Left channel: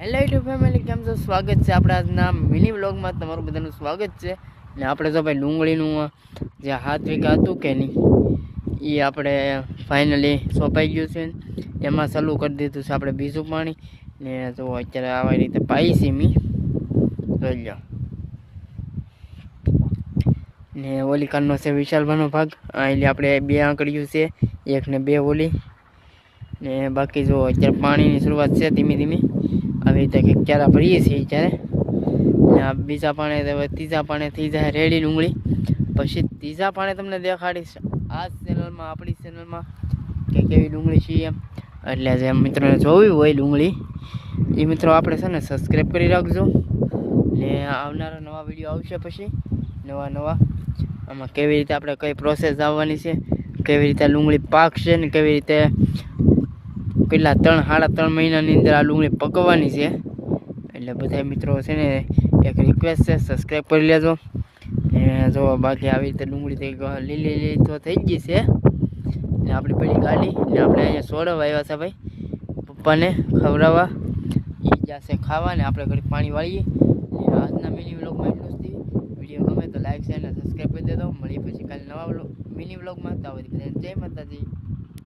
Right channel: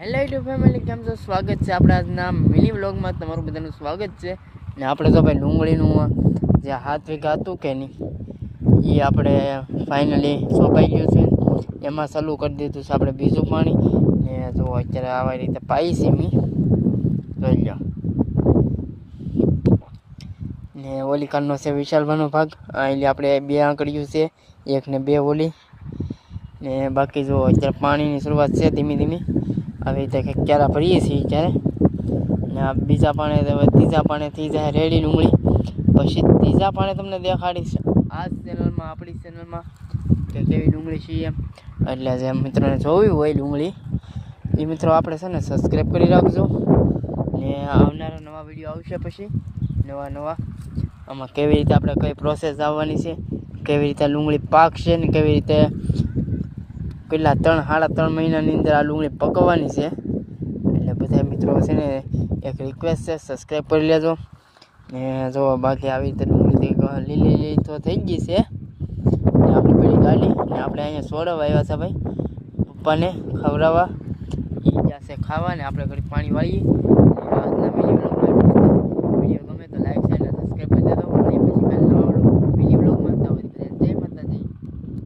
Hello YouTube family, કેમ છો? સ્વાગત છે આપણા આજના મિની વ્લોગમાં. તમારું બધાનું સ્વાગત છે. ને આપણે તો ભાઈ ડુંગળીનું જે 7 વીઘા હતું કે નહીં, એ આપણે ફાઇનલી સોંપાઈ ગયું છે. એમાં ચાલુ કરી દીધું છે આપણે બીજું પાણી. ને જો અત્યારે આવા રીતે પાઈ છે મી જોઈ લો. ને ઓલી કારનો છે વિશાલભાઈનો ભાગ. એટલે આપણે 2 આંકડીયું છે, 1 ને 2 ઓલી. ને બાકી જો અત્યારે પાણીની શરૂઆત છે ધીમી ધીમી. આવી રીતે કંઈક ચારા ભરીએ છીએ ત્યારે. ને આ બીજા પાણે ત્રીજા પાણે થઈ જાય રેડી ડુંગળી. પછી ત્રીજા પાણે તમને દેખાડીશ આ ચેનલમાં, આપણી ચેનલમાં કે કેવી ડુંગળી છે એમ. એટલે જે મિત્રોને જોવી હોય ડુંગળી, એ મિત્રો આપણે છે ને સબસ્ક્રાઈબ કરી રાખજો. ને આવનારા નવા વિડીયો આવશે પછી નવા આમાં કેવી રીતે આપણે કઈ પ્રોસેસ આવવાની છે, કેવી રીતે ડુંગળી પાકશે ને કેવી રીતે પેલા 3-3.5 મહિનાની અંદર આ ડુંગળી પકવવાની છે. એટલે બધા મિત્રો છે ને એક રિક્વેસ્ટ છે, સબસ્ક્રાઈબ કરી લેજો. ને જો બાકી આવી રીતે ડુંગળી લીલી તો થઈ ગઈ છે. ને આપણી પેલી ગાડી ને આપણે અહીંયા છોડવા આવ્યા છે ભાઈ પપ્પાને ખવડાવવા. એ ગયા છે ખાવા ને આપણે ઘડી પાણી વાળીએ. આજના મિની